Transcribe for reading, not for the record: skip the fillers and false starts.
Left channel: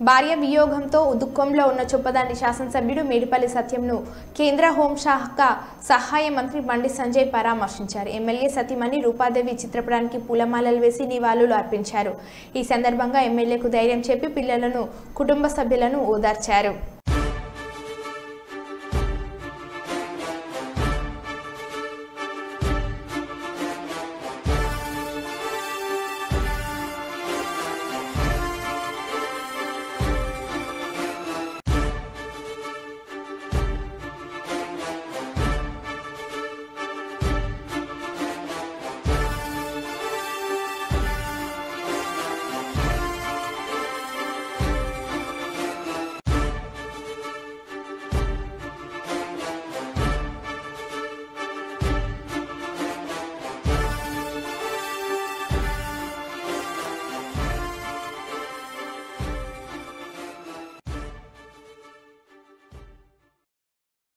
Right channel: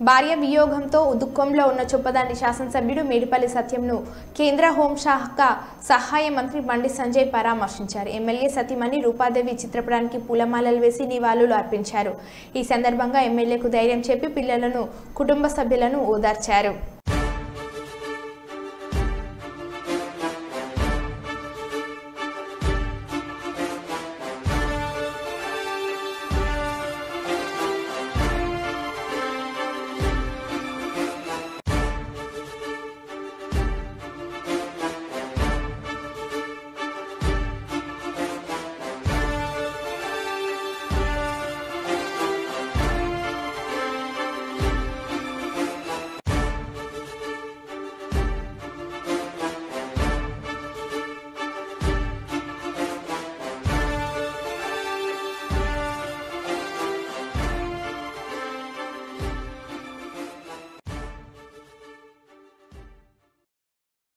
భార్య వియోగంతో దుఃఖంలో ఉన్న చొప్పదండి శాసనసభ్యుడు మేడిపల్లి సత్యంను కేంద్ర హోంశాఖ సహాయ మంత్రి బండి సంజయ్ పరామర్శించారు. ఎమ్మెల్యే సతీమణి రూపాదేవి చిత్రపటానికి పూలమాలలు వేసి నివాళులు అర్పించారు. ఈ సందర్భంగా ఎమ్మెల్యేకు ధైర్యం చెప్పి పిల్లలను, కుటుంబ సభ్యులను ఓదార్చారు.